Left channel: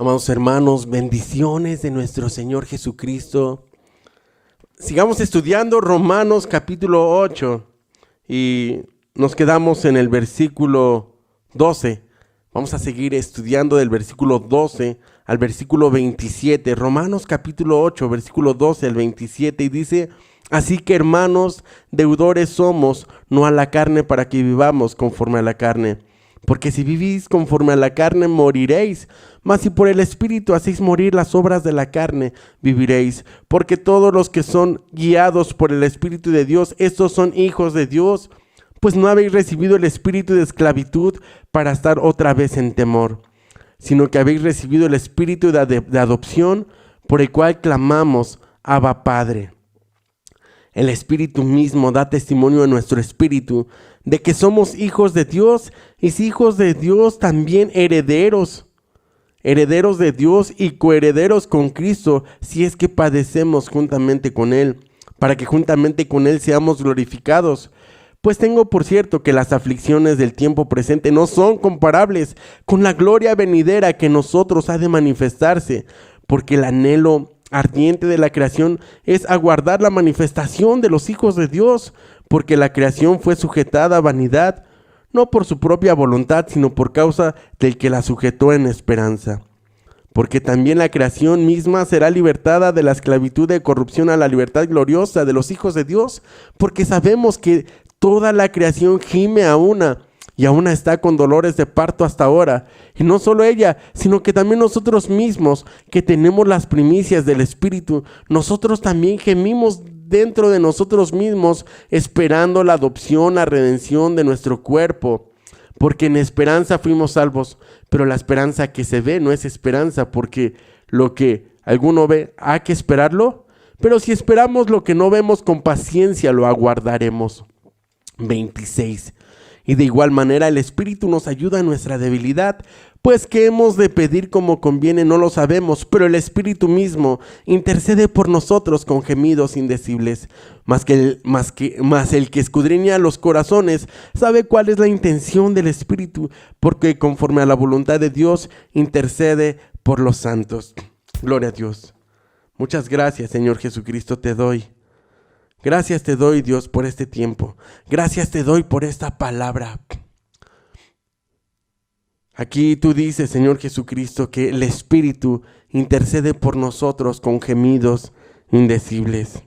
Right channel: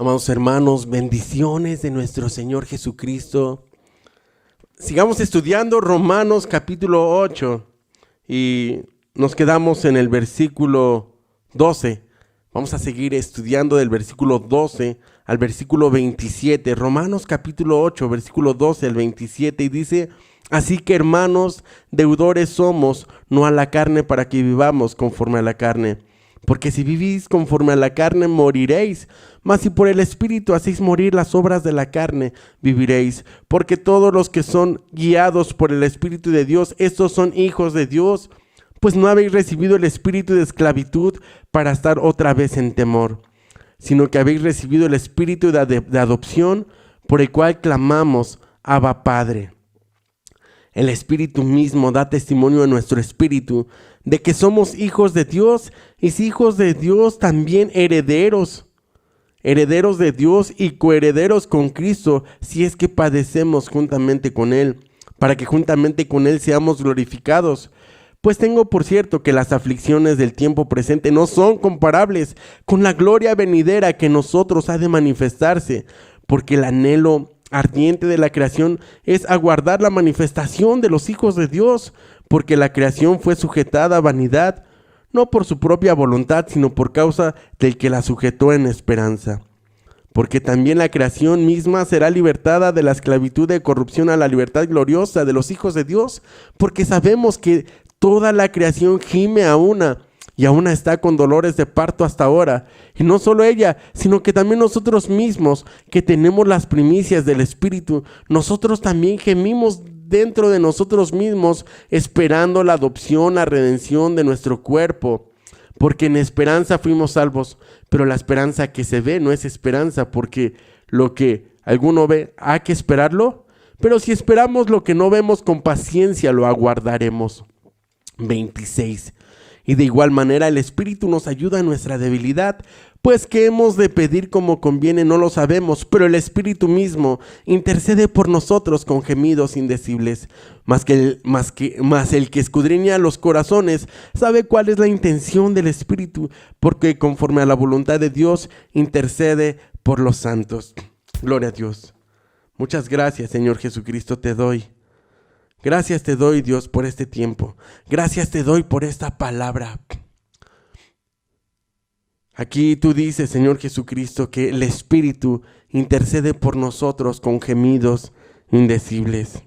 Amados hermanos, bendiciones de nuestro Señor Jesucristo. Sigamos estudiando Romanos capítulo 8 y nos quedamos en el versículo 12. Vamos a seguir estudiando del versículo 12 al versículo 27. Romanos capítulo 8, versículo 12 al 27 y dice: así que hermanos, deudores somos, no a la carne para que vivamos conforme a la carne. Porque si vivís conforme a la carne, moriréis. Mas si por el Espíritu hacéis morir las obras de la carne, viviréis. Porque todos los que son guiados por el Espíritu de Dios, estos son hijos de Dios. Pues no habéis recibido el espíritu de esclavitud para estar otra vez en temor, sino que habéis recibido el espíritu de adopción, por el cual clamamos: Abba, Padre. El Espíritu mismo da testimonio a nuestro espíritu de que somos hijos de Dios, y si hijos de Dios, también herederos de Dios y coherederos con Cristo, si es que padecemos juntamente con Él, para que juntamente con Él seamos glorificados. Pues tengo por cierto que las aflicciones del tiempo presente no son comparables con la gloria venidera que en nosotros ha de manifestarse, porque el anhelo ardiente de la creación es aguardar la manifestación de los hijos de Dios, porque la creación fue sujetada a vanidad, no por su propia voluntad, sino por causa del que la sujetó en esperanza. Porque también la creación misma será libertada de la esclavitud de corrupción a la libertad gloriosa de los hijos de Dios, porque sabemos que toda la creación gime a una, y a una está con dolores de parto hasta ahora. Y no solo ella, sino que también nosotros mismos, que tenemos las primicias del Espíritu, nosotros también gemimos dentro de nosotros mismos, esperando la adopción, la redención de nuestro cuerpo. Porque en esperanza fuimos salvos, pero la esperanza que se ve no es esperanza, porque lo que alguno ve, ¿hay que esperarlo? Pero si esperamos lo que no vemos, con paciencia lo aguardaremos. 26. Y de igual manera el Espíritu nos ayuda en nuestra debilidad, pues que hemos de pedir como conviene no lo sabemos, pero el Espíritu mismo intercede por nosotros con gemidos indecibles. Mas el que escudriña los corazones sabe cuál es la intención del Espíritu, porque conforme a la voluntad de Dios intercede por los santos. Gloria a Dios. Muchas gracias, Señor Jesucristo, te doy. Gracias te doy, Dios, por este tiempo. Gracias te doy por esta palabra. Aquí tú dices, Señor Jesucristo, que el Espíritu intercede por nosotros con gemidos indecibles.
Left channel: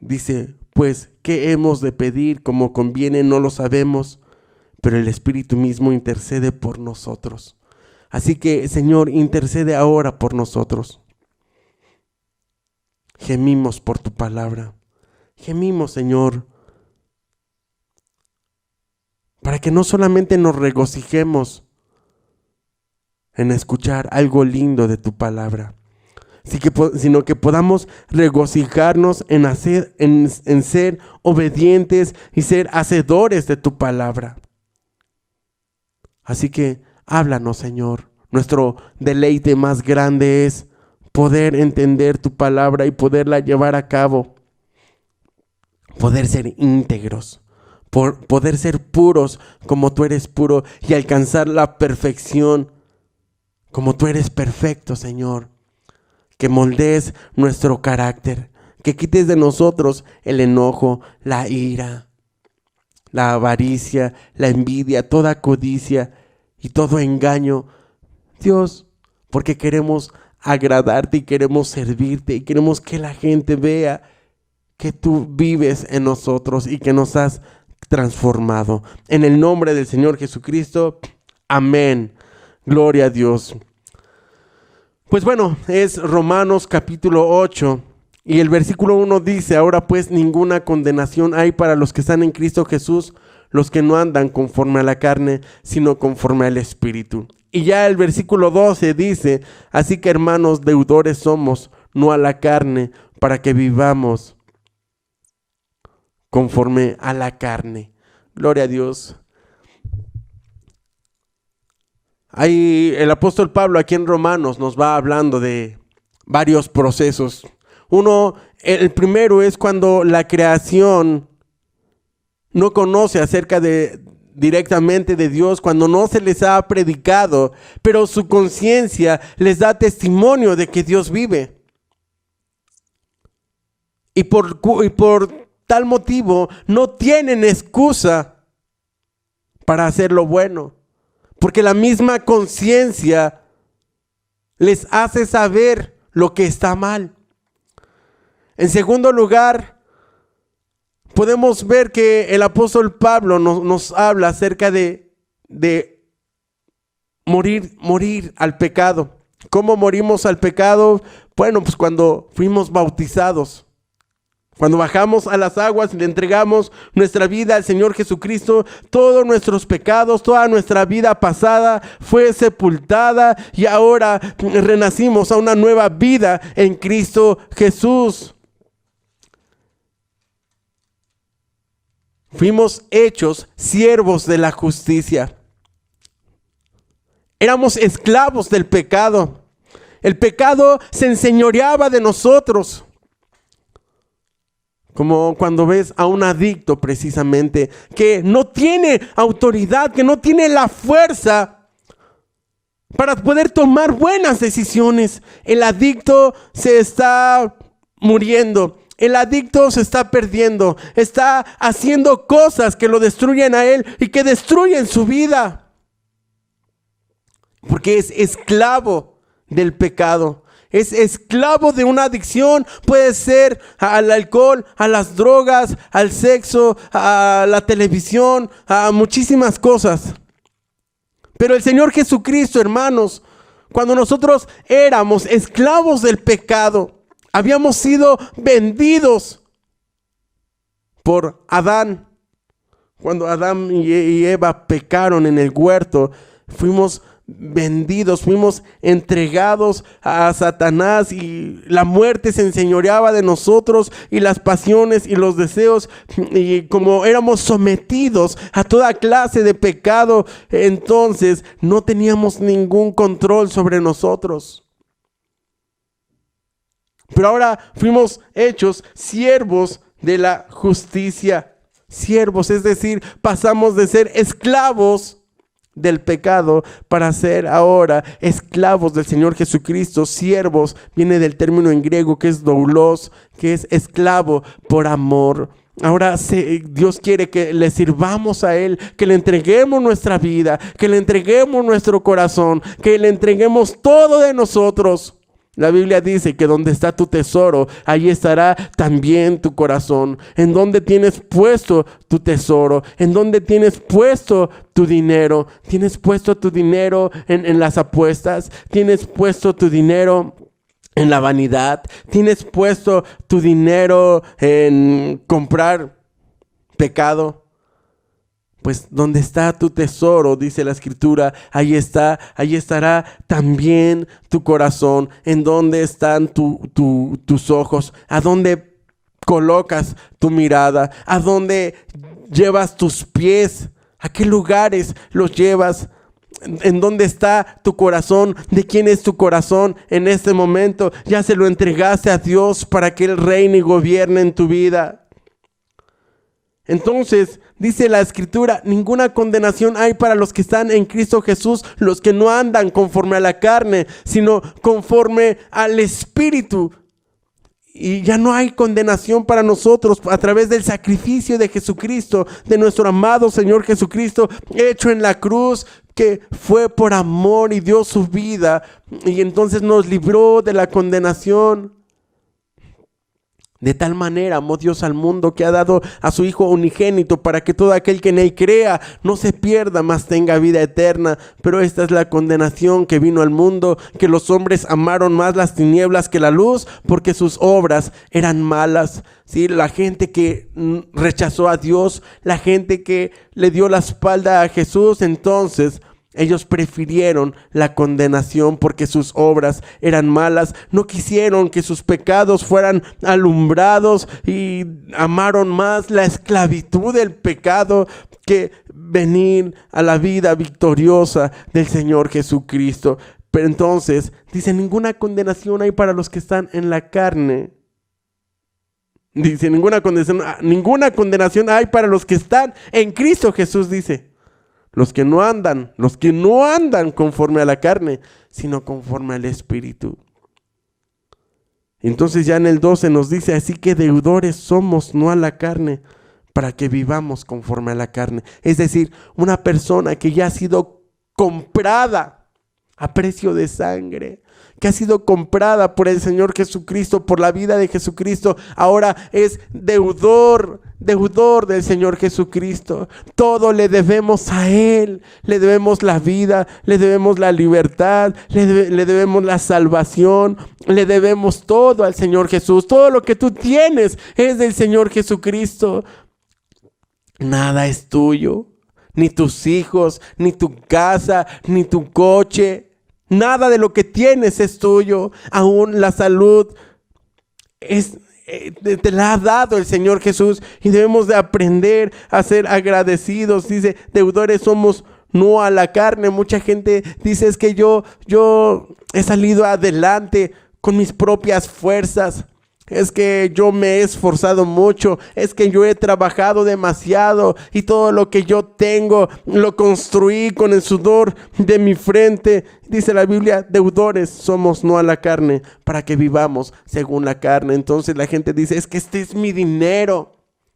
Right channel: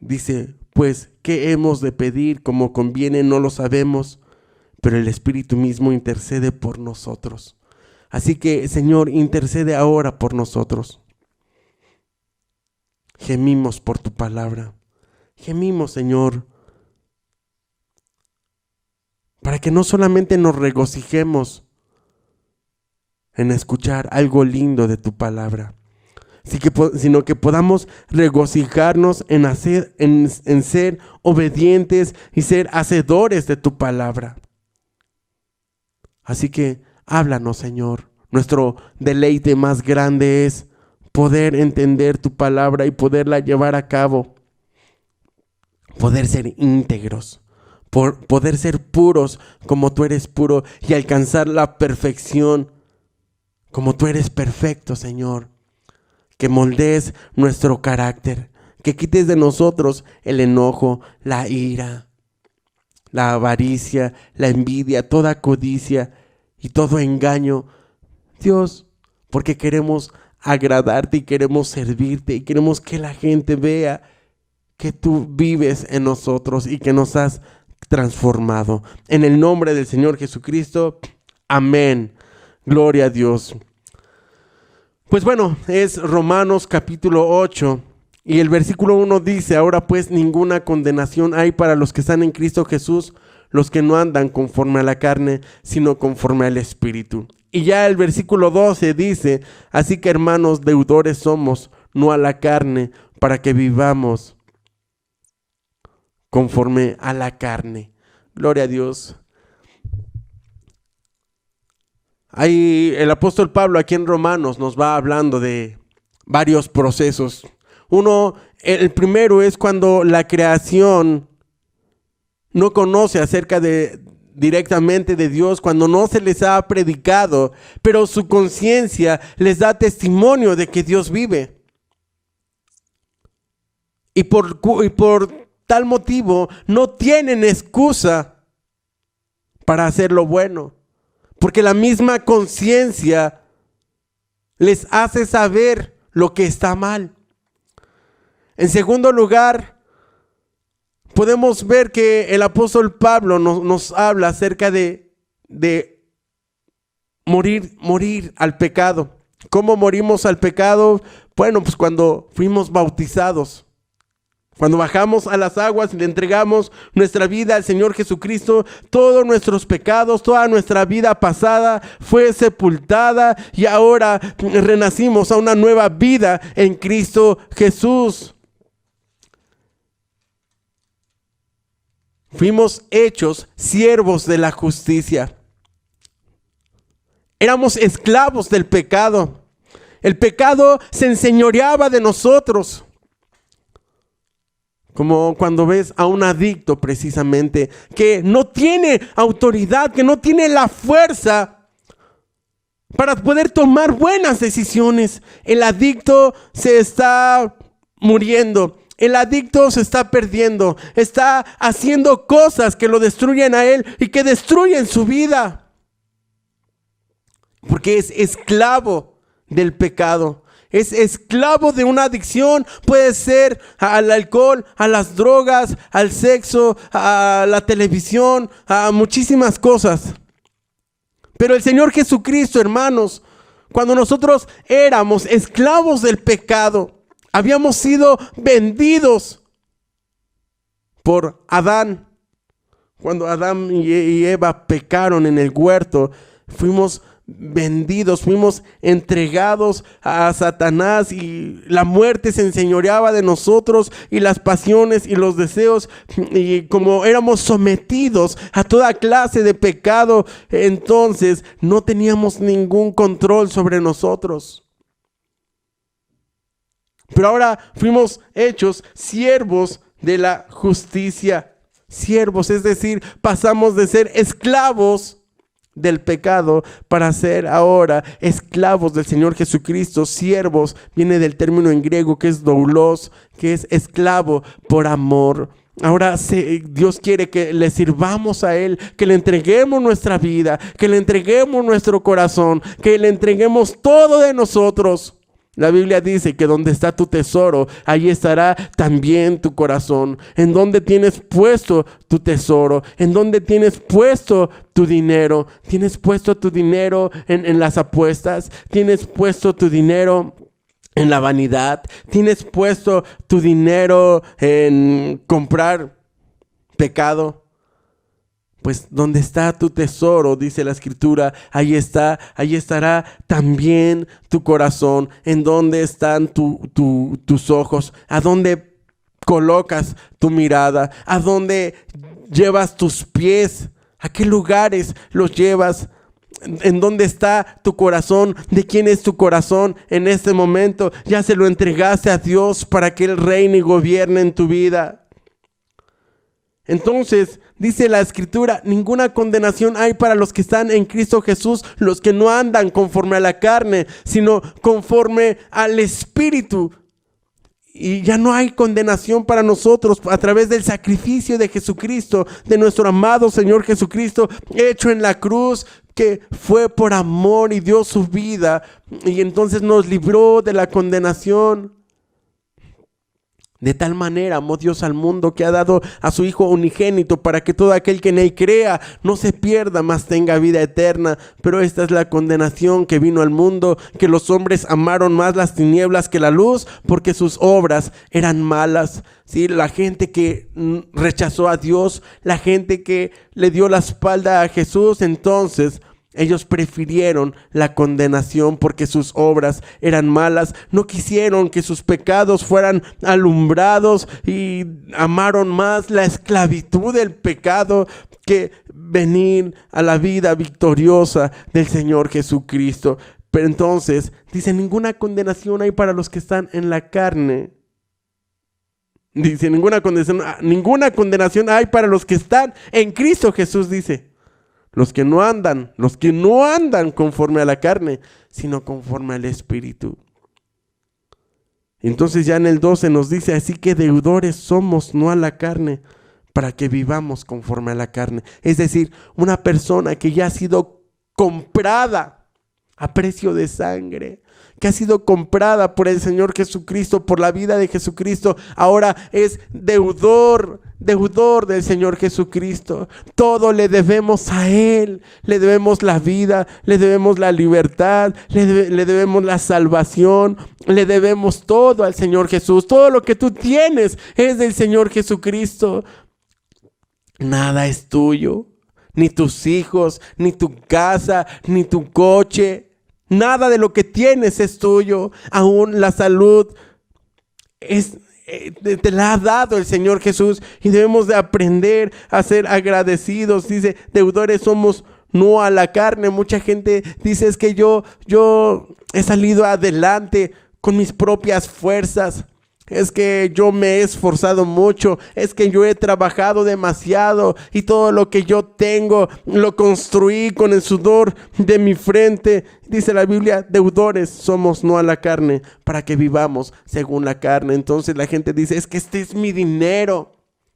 Dice, pues, ¿qué hemos de pedir como conviene? No lo sabemos, pero el Espíritu mismo intercede por nosotros. Así que, Señor, intercede ahora por nosotros. Gemimos por tu palabra. Gemimos, Señor, para que no solamente nos regocijemos en escuchar algo lindo de tu palabra, sino que podamos regocijarnos en ser obedientes y ser hacedores de tu palabra. Así que háblanos, Señor. Nuestro deleite más grande es poder entender tu palabra y poderla llevar a cabo, poder ser íntegros, poder ser puros como tú eres puro y alcanzar la perfección como tú eres perfecto, Señor. Que moldees nuestro carácter, que quites de nosotros el enojo, la ira, la avaricia, la envidia, toda codicia y todo engaño, Dios, porque queremos agradarte y queremos servirte y queremos que la gente vea que tú vives en nosotros y que nos has transformado. En el nombre del Señor Jesucristo, amén. Gloria a Dios. Pues bueno, es Romanos capítulo 8 y el versículo 1 dice: ahora pues ninguna condenación hay para los que están en Cristo Jesús, los que no andan conforme a la carne, sino conforme al Espíritu. Y ya el versículo 12 dice: así que hermanos, deudores somos, no a la carne, para que vivamos conforme a la carne. Gloria a Dios. Ahí el apóstol Pablo aquí en Romanos nos va hablando de varios procesos. El primero es cuando la creación no conoce acerca de directamente de Dios, cuando no se les ha predicado, pero su conciencia les da testimonio de que Dios vive. Y por tal motivo no tienen excusa para hacer lo bueno, porque la misma conciencia les hace saber lo que está mal. En segundo lugar, podemos ver que el apóstol Pablo nos habla acerca de morir al pecado. ¿Cómo morimos al pecado? Bueno, pues cuando fuimos bautizados. Cuando bajamos a las aguas y le entregamos nuestra vida al Señor Jesucristo, todos nuestros pecados, toda nuestra vida pasada fue sepultada y ahora renacimos a una nueva vida en Cristo Jesús. Fuimos hechos siervos de la justicia. Éramos esclavos del pecado. El pecado se enseñoreaba de nosotros. Como cuando ves a un adicto precisamente, que no tiene autoridad, que no tiene la fuerza para poder tomar buenas decisiones. El adicto se está muriendo. El adicto se está perdiendo. Está haciendo cosas que lo destruyen a él y que destruyen su vida. Porque es esclavo del pecado. Es esclavo de una adicción. Puede ser al alcohol, a las drogas, al sexo, a la televisión, a muchísimas cosas. Pero el Señor Jesucristo, hermanos, cuando nosotros éramos esclavos del pecado, habíamos sido vendidos por Adán. Cuando Adán y Eva pecaron en el huerto, fuimos vendidos, fuimos entregados a Satanás y la muerte se enseñoreaba de nosotros y las pasiones y los deseos, y como éramos sometidos a toda clase de pecado, entonces no teníamos ningún control sobre nosotros. Pero ahora fuimos hechos siervos de la justicia. Siervos, es decir, pasamos de ser esclavos del pecado para ser ahora esclavos del Señor Jesucristo. Siervos viene del término en griego que es doulos, que es esclavo por amor. Ahora Dios quiere que le sirvamos a Él, que le entreguemos nuestra vida, que le entreguemos nuestro corazón, que le entreguemos todo de nosotros. La Biblia dice que donde está tu tesoro, ahí estará también tu corazón. En donde tienes puesto tu tesoro, en donde tienes puesto tu dinero. Tienes puesto tu dinero en las apuestas, tienes puesto tu dinero en la vanidad, tienes puesto tu dinero en comprar pecado. Pues donde está tu tesoro, dice la Escritura, ahí estará también tu corazón. En donde están tus ojos, a dónde colocas tu mirada, a dónde llevas tus pies, a qué lugares los llevas. ¿En dónde está tu corazón? ¿De quién es tu corazón en este momento? Ya se lo entregaste a Dios para que Él reine y gobierne en tu vida. Entonces, dice la Escritura, ninguna condenación hay para los que están en Cristo Jesús, los que no andan conforme a la carne, sino conforme al Espíritu. Y ya no hay condenación para nosotros a través del sacrificio de Jesucristo, de nuestro amado Señor Jesucristo, hecho en la cruz, que fue por amor y dio su vida, y entonces nos libró de la condenación. De tal manera amó Dios al mundo que ha dado a su Hijo unigénito para que todo aquel que en Él crea no se pierda, mas tenga vida eterna. Pero esta es la condenación que vino al mundo, que los hombres amaron más las tinieblas que la luz, porque sus obras eran malas. Sí, la gente que rechazó a Dios, la gente que le dio la espalda a Jesús, entonces ellos prefirieron la condenación porque sus obras eran malas. No quisieron que sus pecados fueran alumbrados y amaron más la esclavitud del pecado que venir a la vida victoriosa del Señor Jesucristo. Pero entonces dice, ninguna condenación hay para los que están en la carne. Dice, ninguna condenación hay para los que están en Cristo Jesús, dice. los que no andan conforme a la carne, sino conforme al Espíritu. Entonces ya en el 12 nos dice, así que deudores somos, no a la carne, para que vivamos conforme a la carne. Es decir, una persona que ya ha sido comprada a precio de sangre, que ha sido comprada por el Señor Jesucristo, por la vida de Jesucristo, ahora es deudor del Señor Jesucristo. Todo le debemos a Él, le debemos la vida, le debemos la libertad, le debemos la salvación, le debemos todo al Señor Jesús. Todo lo que tú tienes es del Señor Jesucristo. Nada es tuyo, ni tus hijos, ni tu casa, ni tu coche. Nada de lo que tienes es tuyo. Aún la salud te la ha dado el Señor Jesús, y debemos de aprender a ser agradecidos. Dice, deudores somos, no a la carne. Mucha gente dice, es que yo he salido adelante con mis propias fuerzas. Es que yo me he esforzado mucho, es que yo he trabajado demasiado y todo lo que yo tengo lo construí con el sudor de mi frente. Dice la Biblia, deudores somos, no a la carne, para que vivamos según la carne. Entonces la gente dice, es que este es mi dinero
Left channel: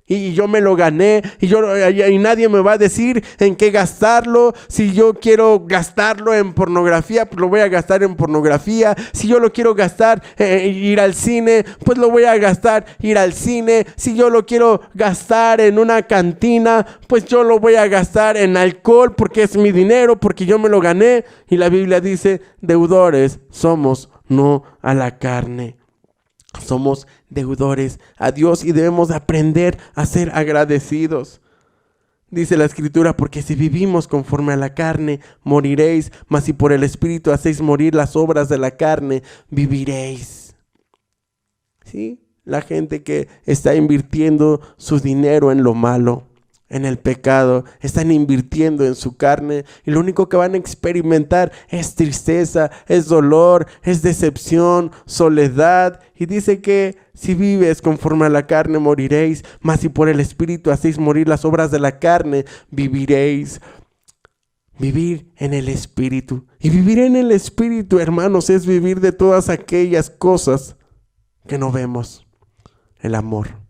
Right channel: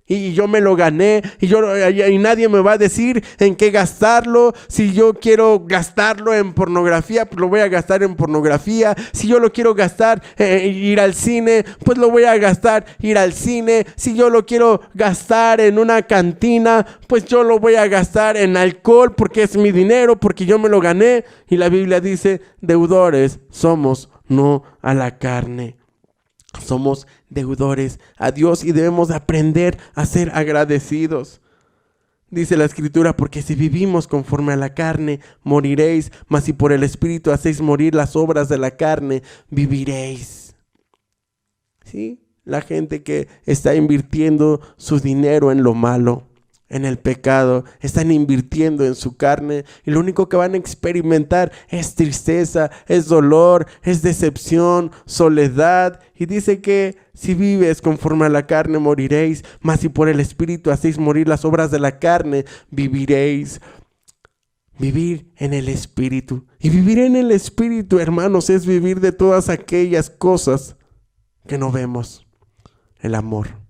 y yo me lo gané y nadie me va a decir en qué gastarlo. Si yo quiero gastarlo en pornografía, pues lo voy a gastar en pornografía. Si yo lo quiero gastar ir al cine, pues lo voy a gastar ir al cine. Si yo lo quiero gastar en una cantina, pues yo lo voy a gastar en alcohol, porque es mi dinero, porque yo me lo gané. Y la Biblia dice, deudores somos, no a la carne. Somos deudores a Dios y debemos aprender a ser agradecidos. Dice la Escritura, porque si vivimos conforme a la carne, moriréis, mas si por el Espíritu hacéis morir las obras de la carne, viviréis. ¿Sí? La gente que está invirtiendo su dinero en lo malo, en el pecado, están invirtiendo en su carne, y lo único que van a experimentar es tristeza, es dolor, es decepción, soledad. Y dice que si vives conforme a la carne moriréis, mas si por el Espíritu hacéis morir las obras de la carne, viviréis. Vivir en el Espíritu. Y vivir en el Espíritu, hermanos, es vivir de todas aquellas cosas que no vemos. El amor.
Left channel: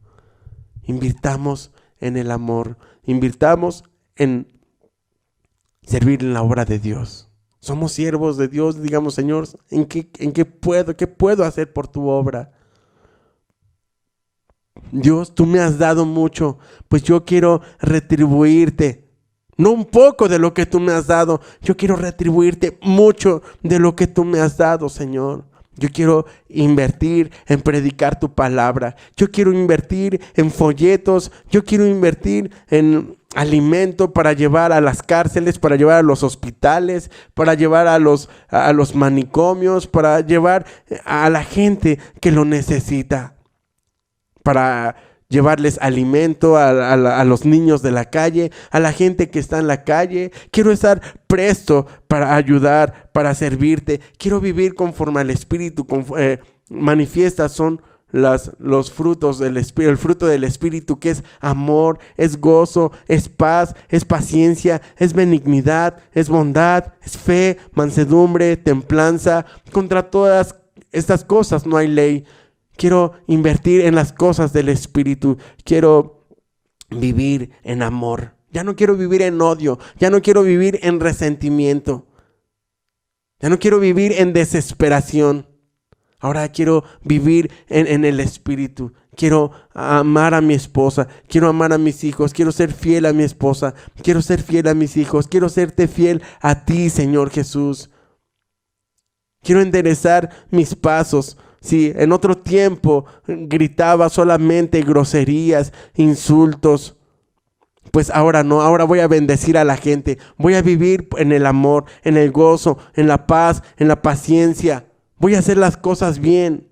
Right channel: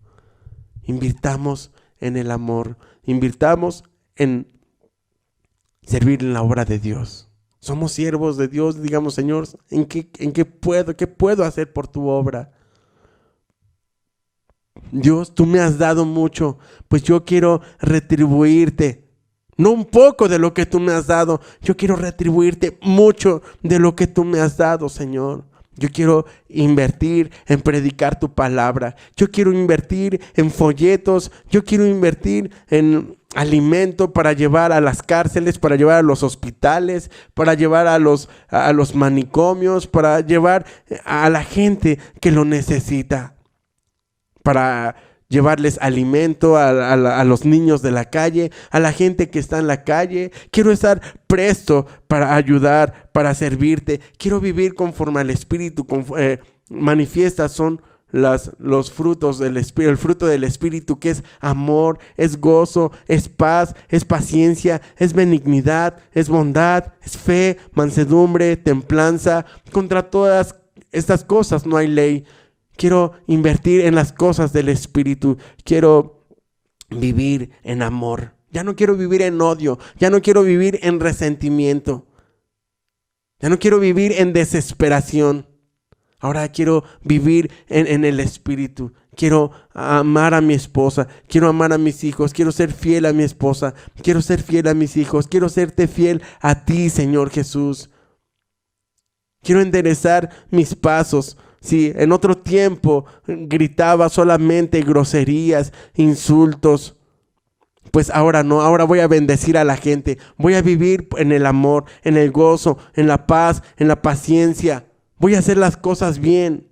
Invirtamos en el amor, invirtamos en servir en la obra de Dios. Somos siervos de Dios, digamos, Señor, ¿qué puedo hacer por tu obra? Dios, tú me has dado mucho, pues yo quiero retribuirte. No un poco de lo que tú me has dado, yo quiero retribuirte mucho de lo que tú me has dado, Señor. Yo quiero invertir en predicar tu palabra. Yo quiero invertir en folletos. Yo quiero invertir en alimento para llevar a las cárceles, para llevar a los hospitales, para llevar a los manicomios, para llevar a la gente que lo necesita, para llevarles alimento a los niños de la calle, a la gente que está en la calle. Quiero estar presto para ayudar, para servirte. Quiero vivir conforme al Espíritu. Manifiestas son los frutos del Espíritu. El fruto del Espíritu, que es amor, es gozo, es paz, es paciencia, es benignidad, es bondad, es fe, mansedumbre, templanza. Contra todas estas cosas no hay ley. Quiero invertir en las cosas del Espíritu. Quiero vivir en amor. Ya no quiero vivir en odio. Ya no quiero vivir en resentimiento. Ya no quiero vivir en desesperación. Ahora quiero vivir en el Espíritu. Quiero amar a mi esposa. Quiero amar a mis hijos. Quiero ser fiel a mi esposa. Quiero ser fiel a mis hijos. Quiero serte fiel a ti, Señor Jesús. Quiero enderezar mis pasos. Si en otro tiempo gritaba solamente groserías, insultos, pues ahora no. Ahora voy a bendecir a la gente. Voy a vivir en el amor, en el gozo, en la paz, en la paciencia. Voy a hacer las cosas bien.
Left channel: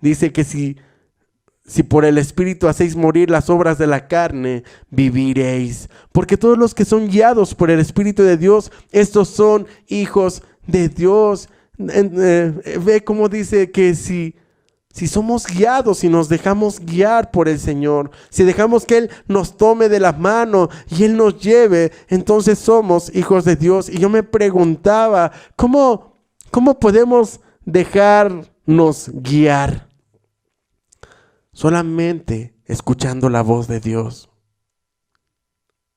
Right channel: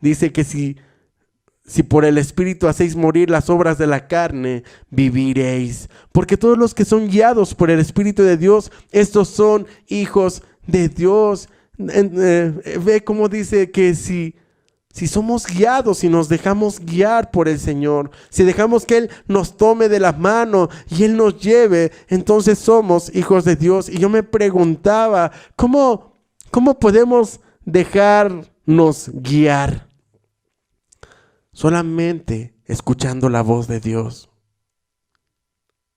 Dice que si por el Espíritu hacéis morir las obras de la carne, viviréis. Porque todos los que son guiados por el Espíritu de Dios, estos son hijos de Dios. Ve cómo dice que si si somos guiados, si nos dejamos guiar por el Señor, si dejamos que Él nos tome de la mano y Él nos lleve, entonces somos hijos de Dios. Y yo me preguntaba, ¿cómo podemos dejarnos guiar? Solamente escuchando la voz de Dios,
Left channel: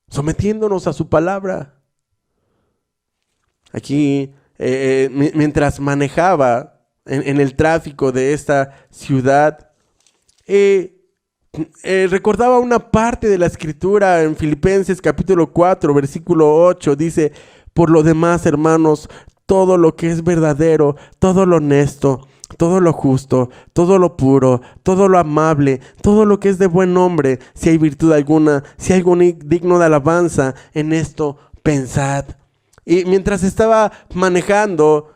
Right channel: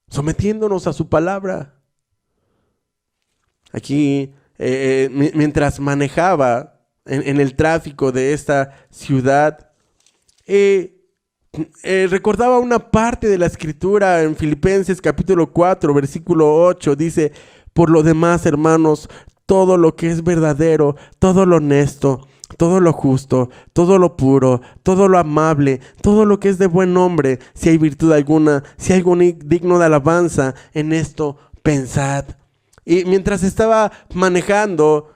sometiéndonos a su palabra. Aquí, mientras manejaba en el tráfico de esta ciudad, recordaba una parte de la escritura en Filipenses capítulo 4, versículo 8. Dice: por lo demás, hermanos, todo lo que es verdadero, todo lo honesto, todo lo justo, todo lo puro, todo lo amable, todo lo que es de buen nombre, si hay virtud alguna, si hay algo digno de alabanza, en esto pensad. Y mientras estaba manejando,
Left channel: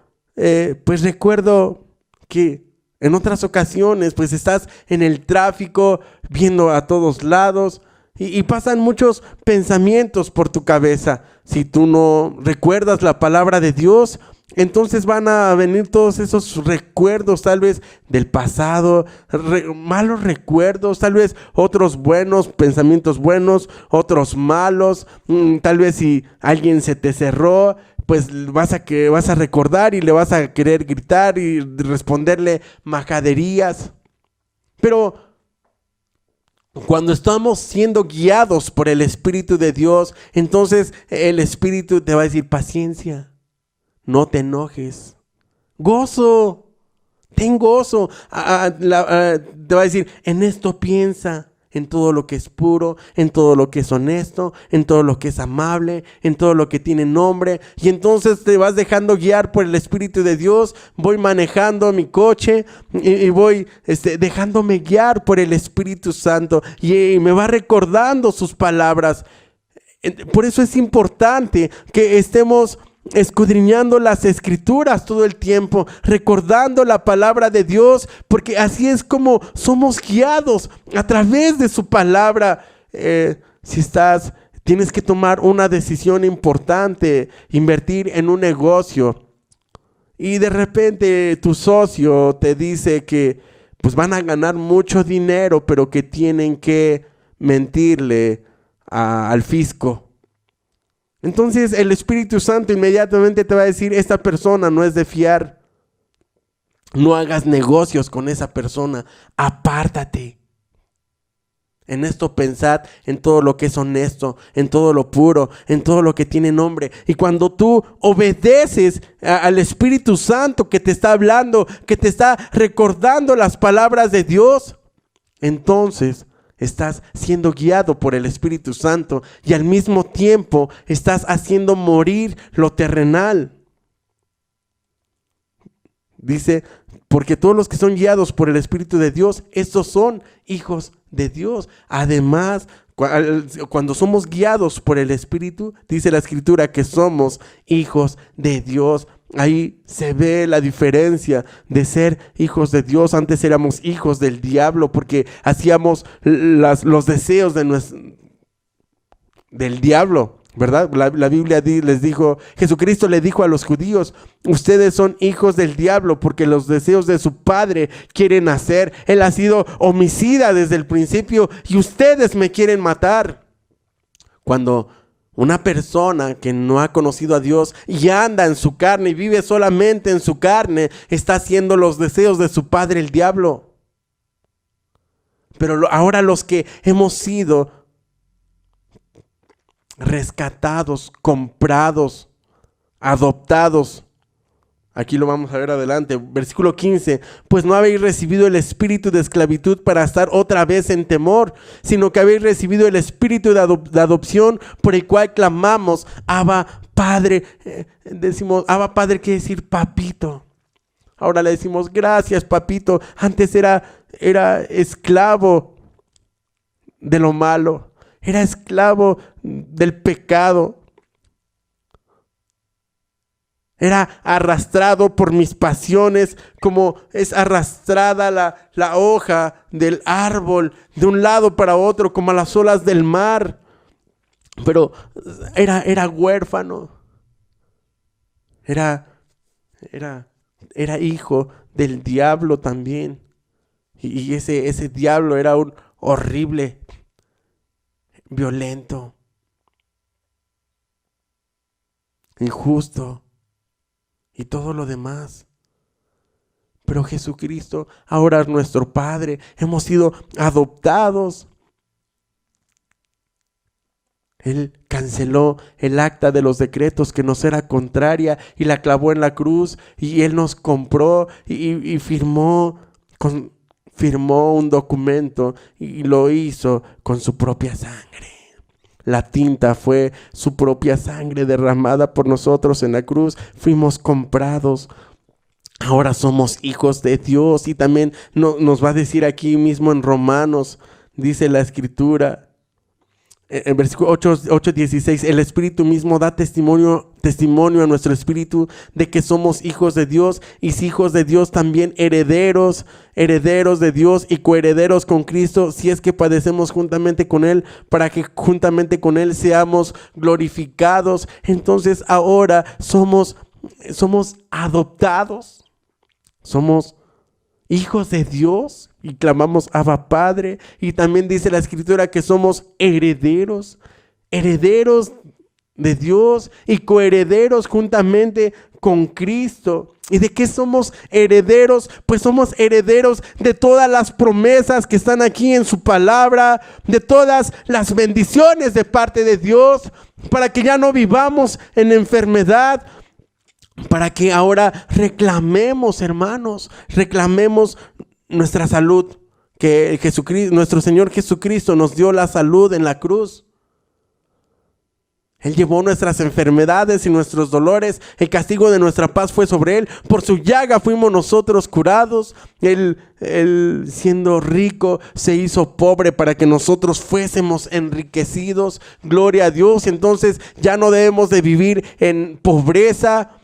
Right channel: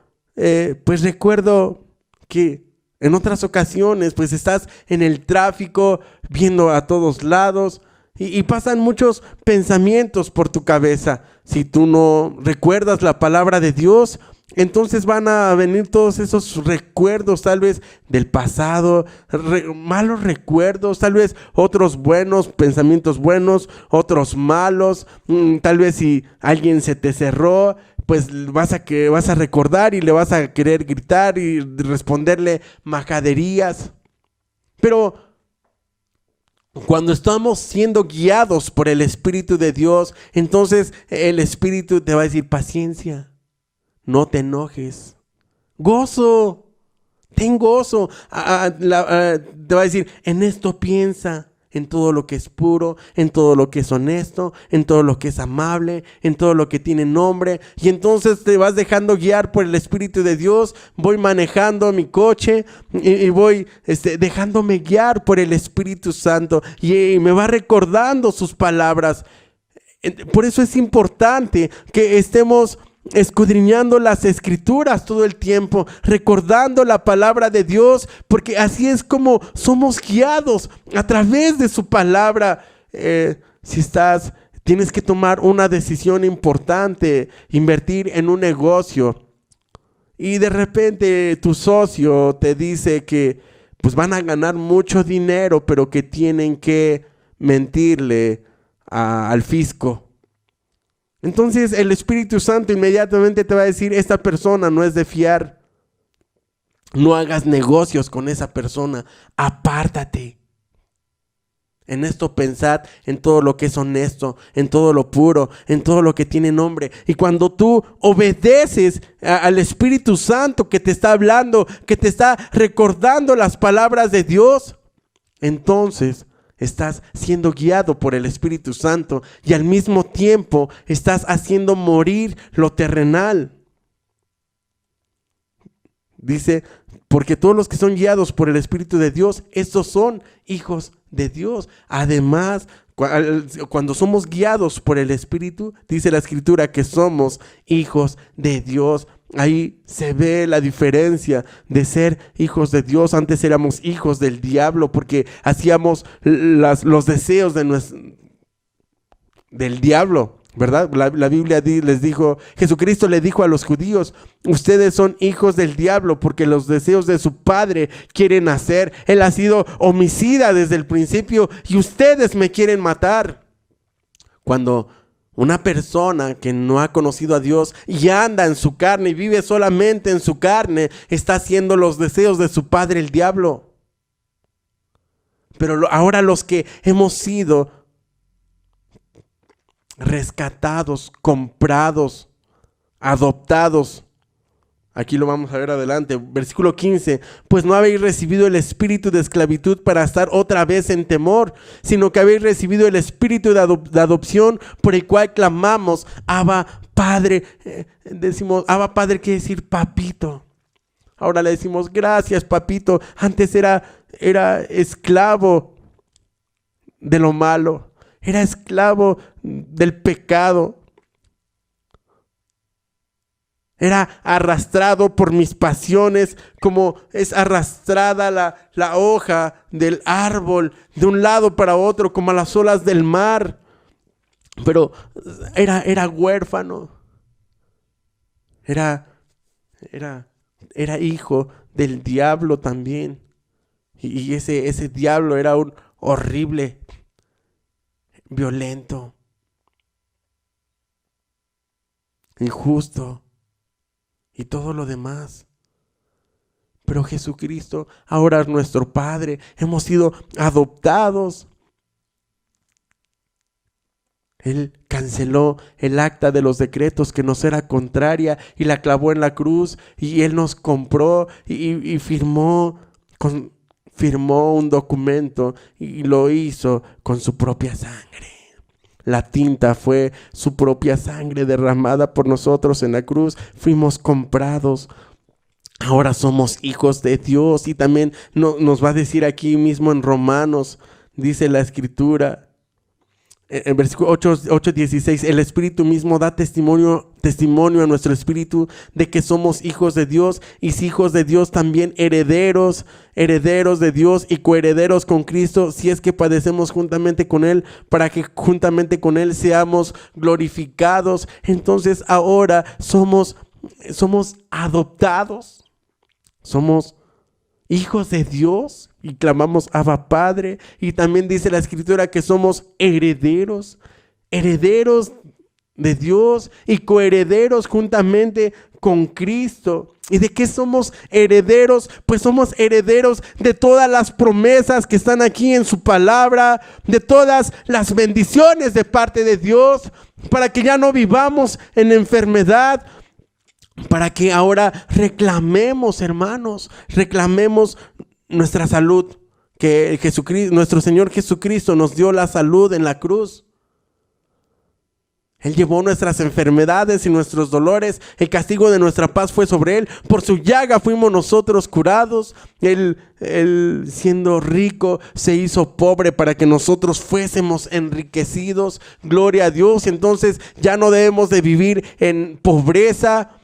pues recuerdo que en otras ocasiones pues estás en el tráfico viendo a todos lados y pasan muchos pensamientos por tu cabeza. Si tú no recuerdas la palabra de Dios, entonces van a venir todos esos recuerdos, tal vez del pasado, malos recuerdos, tal vez otros buenos, pensamientos buenos, otros malos. Tal vez si alguien se te cerró, pues vas a recordar y le vas a querer gritar y responderle majaderías. Pero cuando estamos siendo guiados por el Espíritu de Dios, entonces el Espíritu te va a decir: paciencia, no te enojes, gozo, ten gozo. Te va a decir: en esto piensa, en todo lo que es puro, en todo lo que es honesto, en todo lo que es amable, en todo lo que tiene nombre. Y entonces te vas dejando guiar por el Espíritu de Dios. Voy manejando mi coche y voy dejándome guiar por el Espíritu Santo, y me va recordando sus palabras. Por eso es importante que estemos escudriñando las escrituras todo el tiempo, recordando la palabra de Dios, porque así es como somos guiados, a través de su palabra. Tienes que tomar una decisión importante, invertir en un negocio, y de repente tu socio te dice que pues van a ganar mucho dinero, pero que tienen que mentirle al fisco. Entonces el Espíritu Santo inmediatamente te va a decir: esta persona no es de fiar, no hagas negocios con esa persona, apártate. En esto pensad, en todo lo que es honesto, en todo lo puro, en todo lo que tiene nombre. Y cuando tú obedeces al Espíritu Santo que te está hablando, que te está recordando las palabras de Dios, entonces estás siendo guiado por el Espíritu Santo, y al mismo tiempo estás haciendo morir lo terrenal. Dice: porque todos los que son guiados por el Espíritu de Dios, estos son hijos de Dios. Además, cuando somos guiados por el Espíritu, dice la Escritura que somos hijos de Dios. Ahí se ve la diferencia de ser hijos de Dios. Antes éramos hijos del diablo porque hacíamos los deseos del diablo, ¿verdad? La Biblia les dijo, Jesucristo le dijo a los judíos: ustedes son hijos del diablo porque los deseos de su padre quieren hacer. Él ha sido homicida desde el principio y ustedes me quieren matar. Cuando una persona que no ha conocido a Dios y anda en su carne y vive solamente en su carne, está haciendo los deseos de su padre, el diablo. Pero ahora los que hemos sido rescatados, comprados, adoptados. Aquí lo vamos a ver adelante, versículo 15. Pues no habéis recibido el espíritu de esclavitud para estar otra vez en temor, sino que habéis recibido el espíritu de adopción, por el cual clamamos: Abba, Padre. Decimos Abba, Padre, quiere decir papito. Ahora le decimos: gracias, papito. Antes era esclavo de lo malo, era esclavo del pecado. Era arrastrado por mis pasiones, como es arrastrada la hoja del árbol de un lado para otro, como a las olas del mar. Pero era huérfano. Era hijo del diablo también. Y ese diablo era un horrible, violento, injusto y todo lo demás. Pero Jesucristo ahora es nuestro Padre. Hemos sido adoptados. Él canceló el acta de los decretos que nos era contraria y la clavó en la cruz, y Él nos compró y firmó un documento, y lo hizo con su propia sangre. La tinta fue su propia sangre derramada por nosotros en la cruz. Fuimos comprados. Ahora somos hijos de Dios. Y también nos va a decir aquí mismo en Romanos, dice la Escritura, en versículo 8:16, el Espíritu mismo da testimonio a nuestro espíritu de que somos hijos de Dios, y si hijos de Dios, también herederos de Dios y coherederos con Cristo, si es que padecemos juntamente con Él, para que juntamente con Él seamos glorificados. Entonces ahora somos adoptados, somos hijos de Dios y clamamos Abba Padre. Y también dice la Escritura que somos herederos de Dios y coherederos juntamente con Cristo. ¿Y de qué somos herederos? Pues somos herederos de todas las promesas que están aquí en su palabra, de todas las bendiciones de parte de Dios, para que ya no vivamos en enfermedad, para que ahora reclamemos, hermanos, reclamemos nuestra salud, que Jesucristo, nuestro Señor Jesucristo nos dio la salud en la cruz. Él llevó nuestras enfermedades y nuestros dolores. El castigo de nuestra paz fue sobre Él. Por su llaga fuimos nosotros curados. Él siendo rico se hizo pobre para que nosotros fuésemos enriquecidos. Gloria a Dios. Entonces ya no debemos de vivir en pobreza.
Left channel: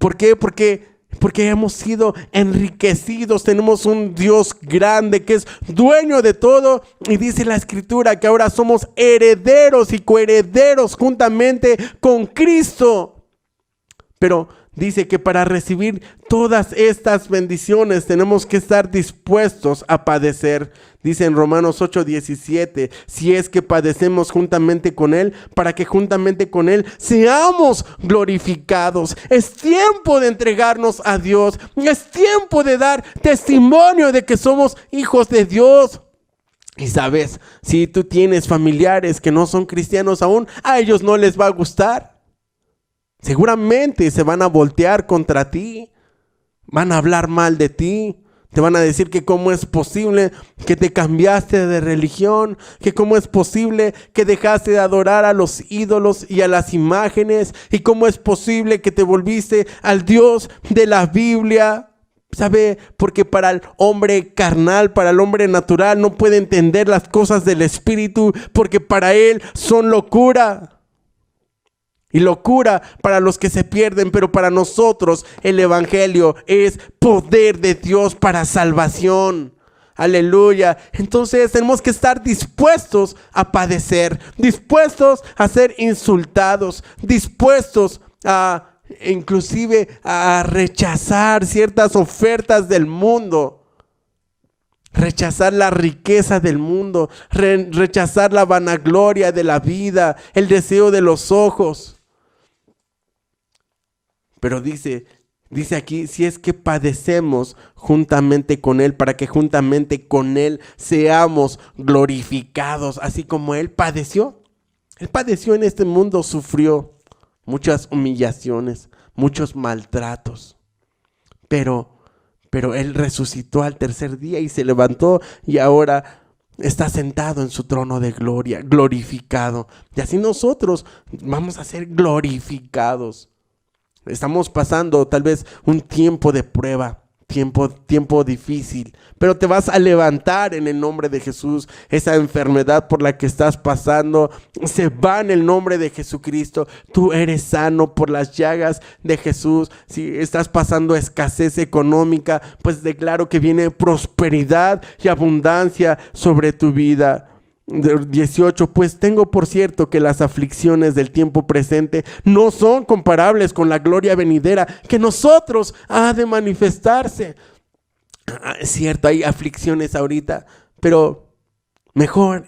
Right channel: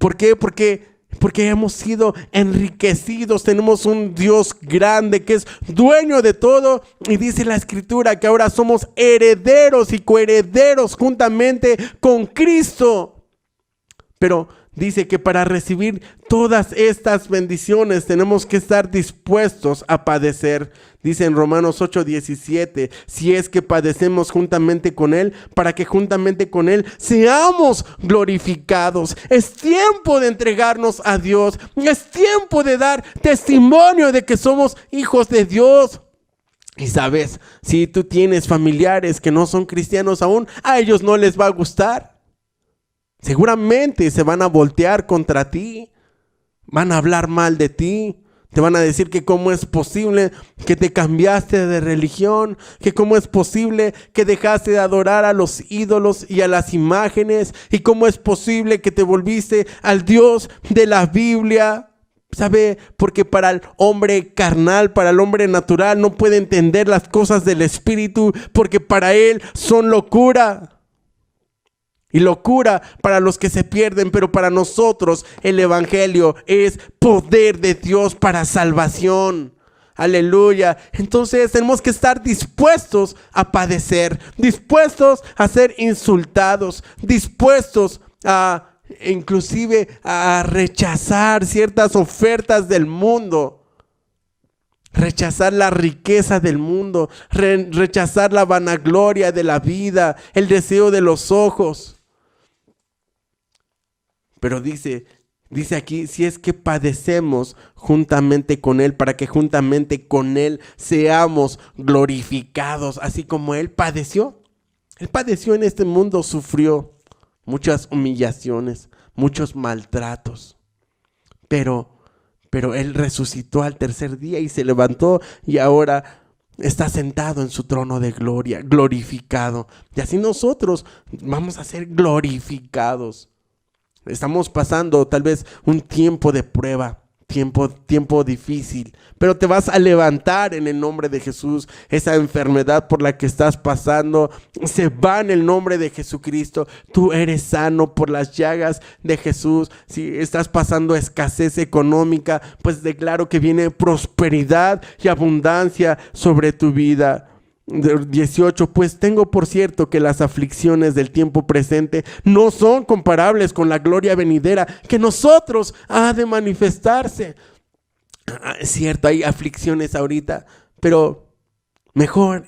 ¿Por qué? Porque hemos sido enriquecidos. Tenemos un Dios grande que es dueño de todo. Y dice la Escritura que ahora somos herederos y coherederos juntamente con Cristo. Pero dice que para recibir todas estas bendiciones tenemos que estar dispuestos a padecer. Dice en Romanos 8:17, si es que padecemos juntamente con Él, para que juntamente con Él seamos glorificados. Es tiempo de entregarnos a Dios. Es tiempo de dar testimonio de que somos hijos de Dios. Y sabes, si tú tienes familiares que no son cristianos aún, a ellos no les va a gustar. Seguramente se van a voltear contra ti. Van a hablar mal de ti. Te van a decir que cómo es posible que te cambiaste de religión, que cómo es posible que dejaste de adorar a los ídolos y a las imágenes, y cómo es posible que te volviste al Dios de la Biblia. ¿Sabe? Porque para el hombre carnal, para el hombre natural, no puede entender las cosas del Espíritu, porque para él son locura. Y locura para los que se pierden, pero para nosotros el Evangelio es poder de Dios para salvación. Aleluya. Entonces tenemos que estar dispuestos a padecer, dispuestos a ser insultados, dispuestos a inclusive a rechazar ciertas ofertas del mundo. Rechazar la riqueza del mundo, rechazar la vanagloria de la vida, el deseo de los ojos. Pero dice aquí, si es que padecemos juntamente con Él, para que juntamente con Él seamos glorificados, así como Él padeció. Él padeció en este mundo, sufrió muchas humillaciones, muchos maltratos. Pero Él resucitó al tercer día y se levantó, y ahora está sentado en su trono de gloria, glorificado. Y así nosotros vamos a ser glorificados. Estamos pasando tal vez un tiempo de prueba, tiempo difícil, pero te vas a levantar en el nombre de Jesús. Esa enfermedad por la que estás pasando se va en el nombre de Jesucristo. Tú eres sano por las llagas de Jesús. Si estás pasando escasez económica, pues declaro que viene prosperidad y abundancia sobre tu vida. 18, pues tengo por cierto que las aflicciones del tiempo presente no son comparables con la gloria venidera que nosotros ha de manifestarse. Es cierto, hay aflicciones ahorita, pero mejor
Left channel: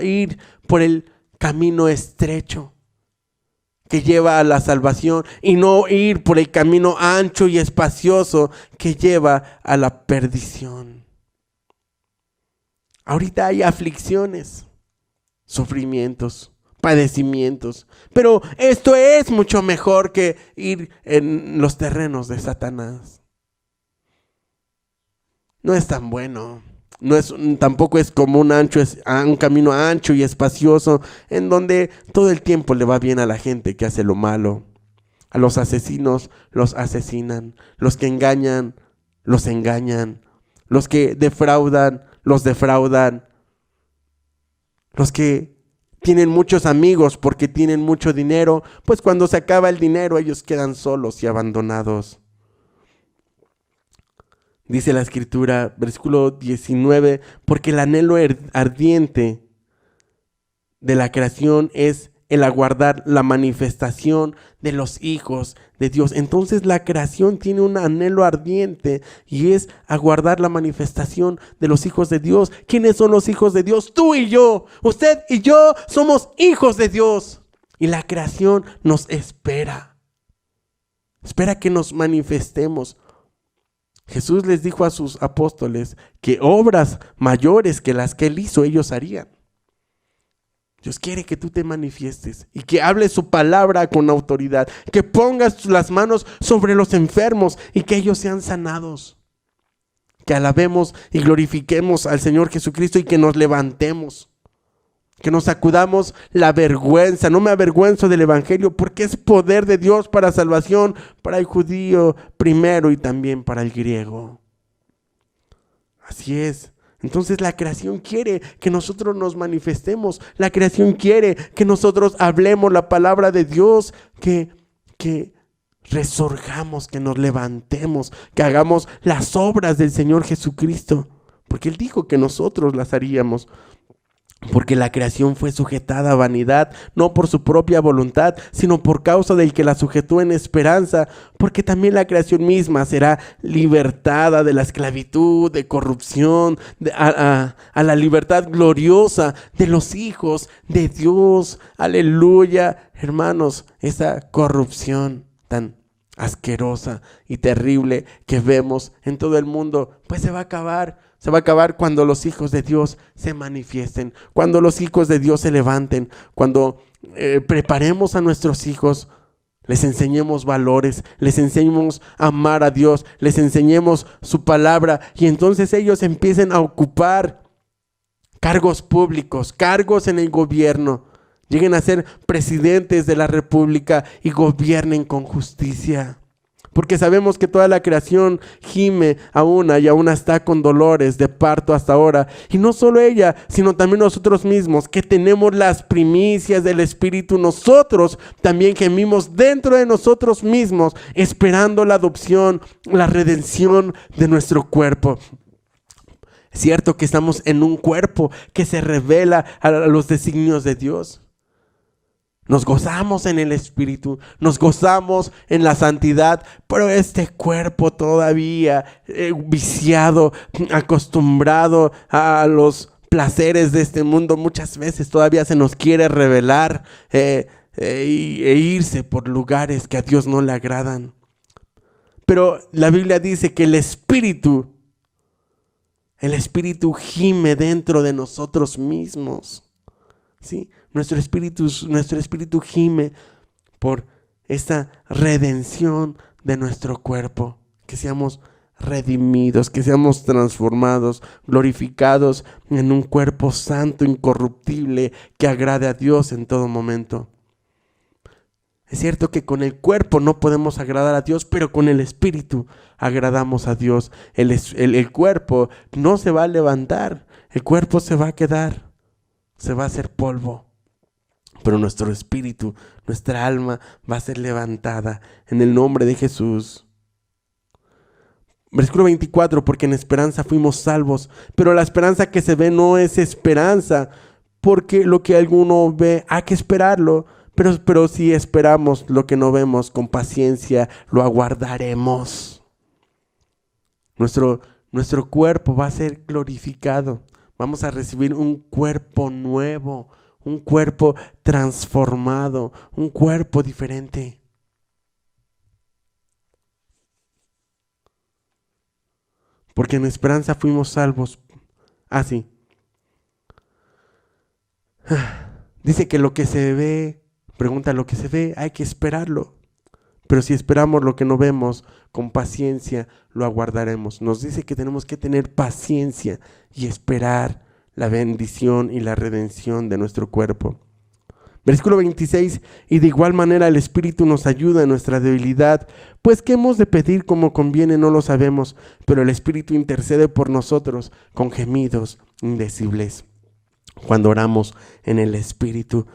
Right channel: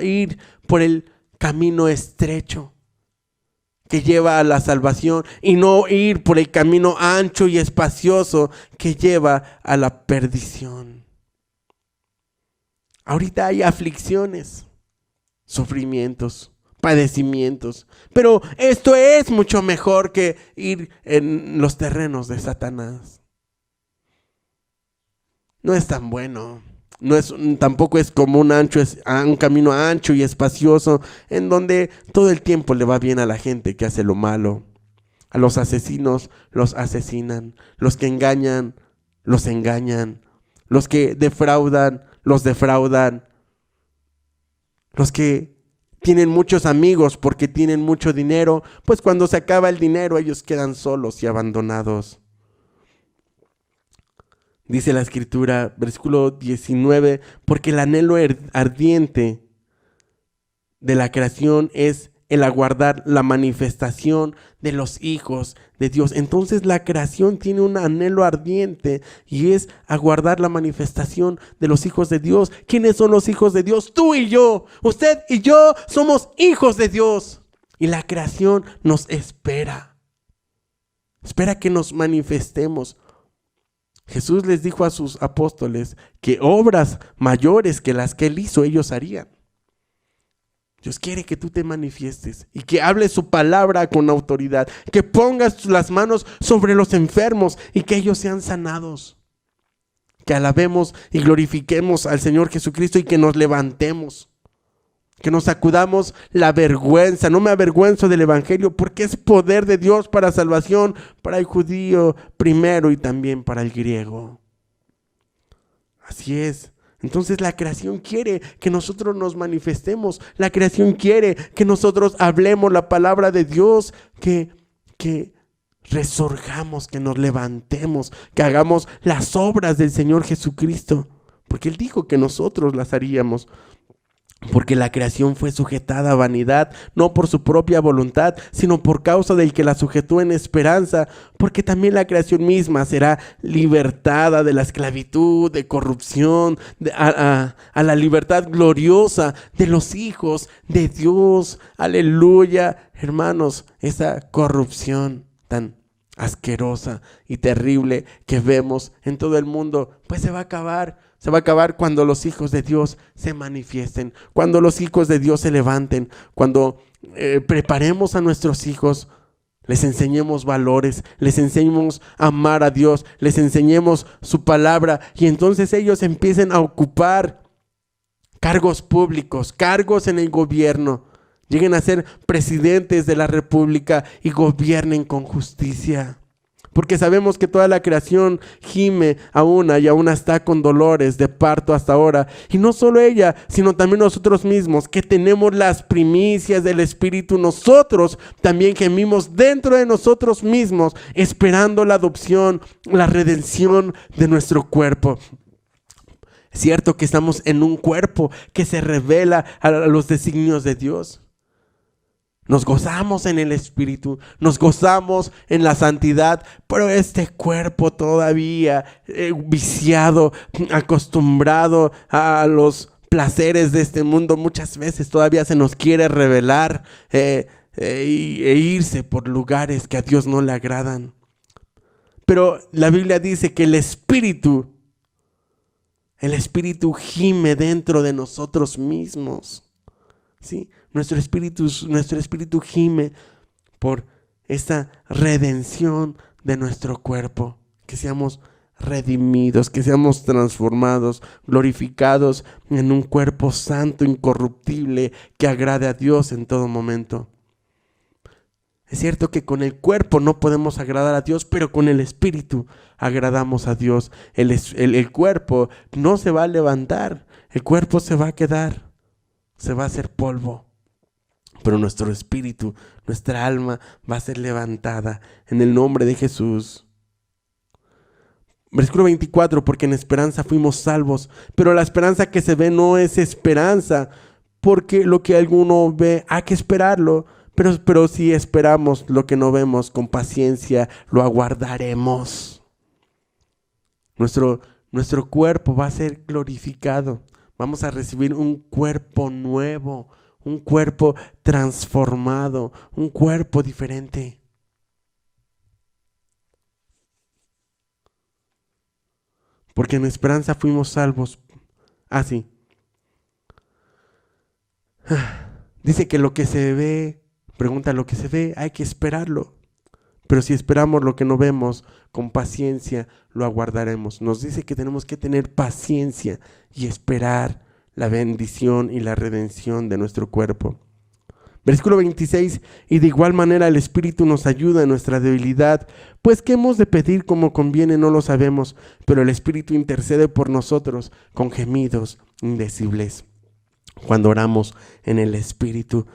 ir por el camino estrecho que lleva a la salvación y no ir por el camino ancho y espacioso que lleva a la perdición. Ahorita hay aflicciones, sufrimientos, padecimientos, pero esto es mucho mejor que ir en los terrenos de Satanás. No es tan bueno. Tampoco es como un camino ancho y espacioso en donde todo el tiempo le va bien a la gente que hace lo malo. A los asesinos los asesinan, los que engañan los engañan, los que defraudan los defraudan, los que tienen muchos amigos porque tienen mucho dinero, pues cuando se acaba el dinero ellos quedan solos y abandonados. Dice la Escritura, versículo 19, porque el anhelo ardiente de la creación es el aguardar la manifestación de los hijos de Dios. Entonces la creación tiene un anhelo ardiente y es aguardar la manifestación de los hijos de Dios. ¿Quiénes son los hijos de Dios? Tú y yo, usted y yo somos hijos de Dios. Y la creación nos espera. Espera que nos manifestemos. Jesús les dijo a sus apóstoles que obras mayores que las que Él hizo, ellos harían. Dios quiere que tú te manifiestes y que hables su palabra con autoridad, que pongas las manos sobre los enfermos y que ellos sean sanados. Que alabemos y glorifiquemos al Señor Jesucristo y que nos levantemos. Que nos sacudamos la vergüenza. No me avergüenzo del evangelio porque es poder de Dios para salvación, para el judío primero y también para el griego. Así es. Entonces la creación quiere que nosotros nos manifestemos. La creación quiere que nosotros hablemos la palabra de Dios, que resurjamos, que nos levantemos, que hagamos las obras del Señor Jesucristo. Porque Él dijo que nosotros las haríamos. Porque la creación fue sujetada a vanidad, no por su propia voluntad, sino por causa del que la sujetó en esperanza, porque también la creación misma será libertada de la esclavitud, de corrupción, a la libertad gloriosa de los hijos de Dios. Aleluya, hermanos, esa corrupción tan asquerosa y terrible que vemos en todo el mundo, pues se va a acabar. Se va a acabar cuando los hijos de Dios se manifiesten, cuando los hijos de Dios se levanten, cuando preparemos a nuestros hijos, les enseñemos valores, les enseñemos a amar a Dios, les enseñemos su palabra y entonces ellos empiecen a ocupar cargos públicos, cargos en el gobierno, lleguen a ser presidentes de la república y gobiernen con justicia. Porque sabemos que toda la creación gime y aún está con dolores de parto hasta ahora. Y no solo ella, sino también nosotros mismos, que tenemos las primicias del Espíritu. Nosotros también gemimos dentro de nosotros mismos, esperando la adopción, la redención de nuestro cuerpo. Es cierto que estamos en un cuerpo que se revela a los designios de Dios. Nos gozamos en el Espíritu, nos gozamos en la santidad, pero este cuerpo todavía viciado, acostumbrado a los placeres de este mundo, muchas veces todavía se nos quiere revelar e irse por lugares que a Dios no le agradan. Pero la Biblia dice que el Espíritu gime dentro de nosotros mismos, ¿sí? Nuestro espíritu gime por esta redención de nuestro cuerpo, que seamos redimidos, que seamos transformados, glorificados en un cuerpo santo, incorruptible, que agrade a Dios en todo momento. Es cierto que con el cuerpo no podemos agradar a Dios, pero con el espíritu agradamos a Dios. El cuerpo no se va a levantar, el cuerpo se va a quedar, se va a hacer polvo. Pero nuestro espíritu, nuestra alma va a ser levantada en el nombre de Jesús. Versículo 24, porque en esperanza fuimos salvos, pero la esperanza que se ve no es esperanza, porque lo que alguno ve hay que esperarlo, pero si esperamos lo que no vemos con paciencia, lo aguardaremos. Nuestro nuestro cuerpo va a ser glorificado. Vamos a recibir un cuerpo nuevo, un cuerpo transformado, un cuerpo diferente. Porque en esperanza fuimos salvos. Así. Dice que lo que se ve, pregunta, lo que se ve, hay que esperarlo. Pero si esperamos lo que no vemos, con paciencia lo aguardaremos. Nos dice que tenemos que tener paciencia y esperar la bendición y la redención de nuestro cuerpo. Versículo 26, y de igual manera el Espíritu nos ayuda en nuestra debilidad, pues qué hemos de pedir como conviene no lo sabemos, pero el Espíritu intercede por nosotros con gemidos indecibles. Cuando oramos en el Espíritu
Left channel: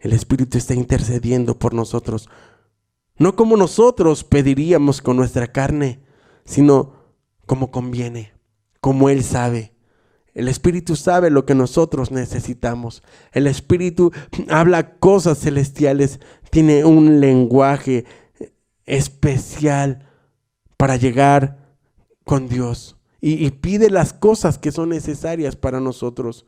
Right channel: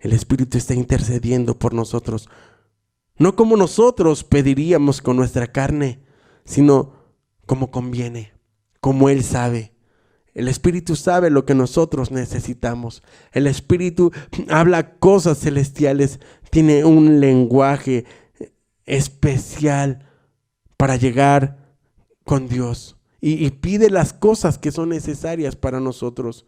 está intercediendo por nosotros. No como nosotros pediríamos con nuestra carne, sino como conviene, como Él sabe. El Espíritu sabe lo que nosotros necesitamos. El Espíritu habla cosas celestiales, tiene un lenguaje especial para llegar con Dios y pide las cosas que son necesarias para nosotros.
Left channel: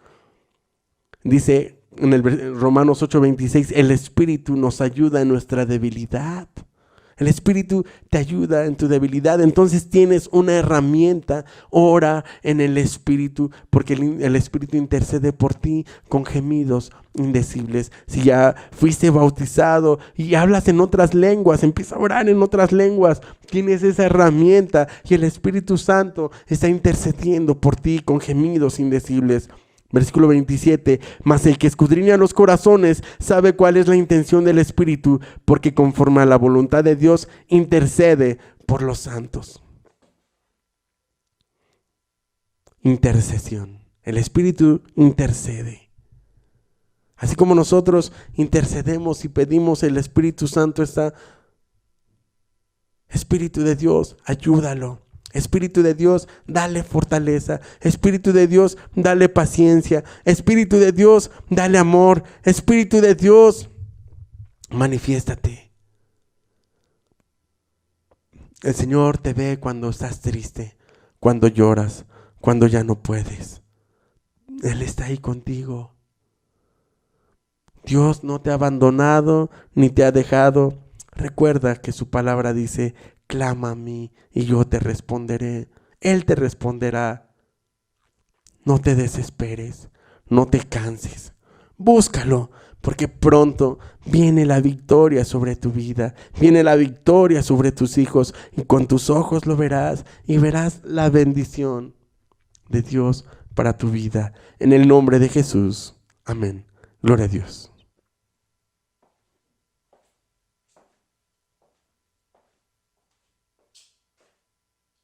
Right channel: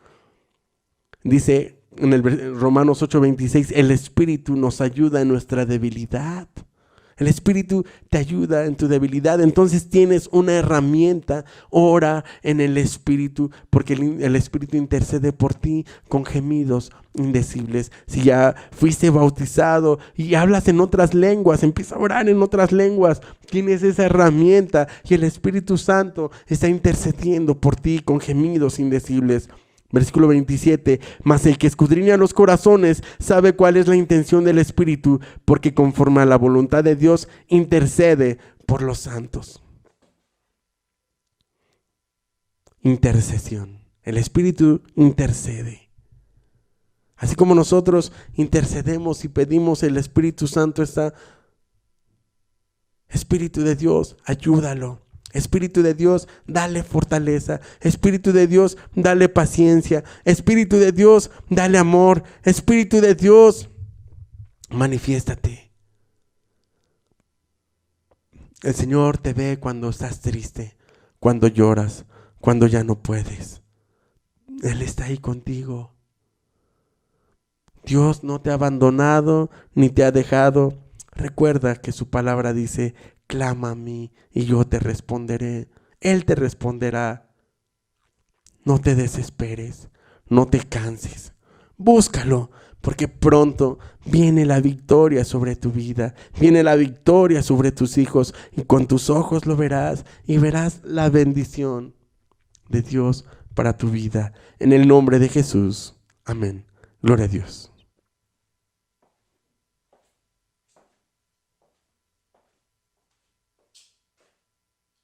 Dice en el Romanos 8:26, el Espíritu nos ayuda en nuestra debilidad. El Espíritu te ayuda en tu debilidad. Entonces tienes una herramienta. Ora en el Espíritu, porque el Espíritu intercede por ti con gemidos indecibles. Si ya fuiste bautizado y hablas en otras lenguas, empieza a orar en otras lenguas. Tienes esa herramienta y el Espíritu Santo está intercediendo por ti con gemidos indecibles. Versículo 27, mas el que escudriña los corazones sabe cuál es la intención del Espíritu, porque conforme a la voluntad de Dios intercede por los santos. Intercesión. El Espíritu intercede. Así como nosotros intercedemos y pedimos, el Espíritu Santo está. Espíritu de Dios, ayúdalo. Espíritu de Dios, dale fortaleza. Espíritu de Dios, dale paciencia. Espíritu de Dios, dale amor. Espíritu de Dios, manifiéstate. El Señor te ve cuando estás triste, cuando lloras, cuando ya no puedes. Él está ahí contigo. Dios no te ha abandonado ni te ha dejado. Recuerda que su palabra dice: clama a mí y yo te responderé. Él te responderá. No te desesperes, no te canses. Búscalo, porque pronto viene la victoria sobre tu vida. Viene la victoria sobre tus hijos, y con tus ojos lo verás y verás la bendición de Dios para tu vida. En el nombre de Jesús. Amén. Gloria a Dios.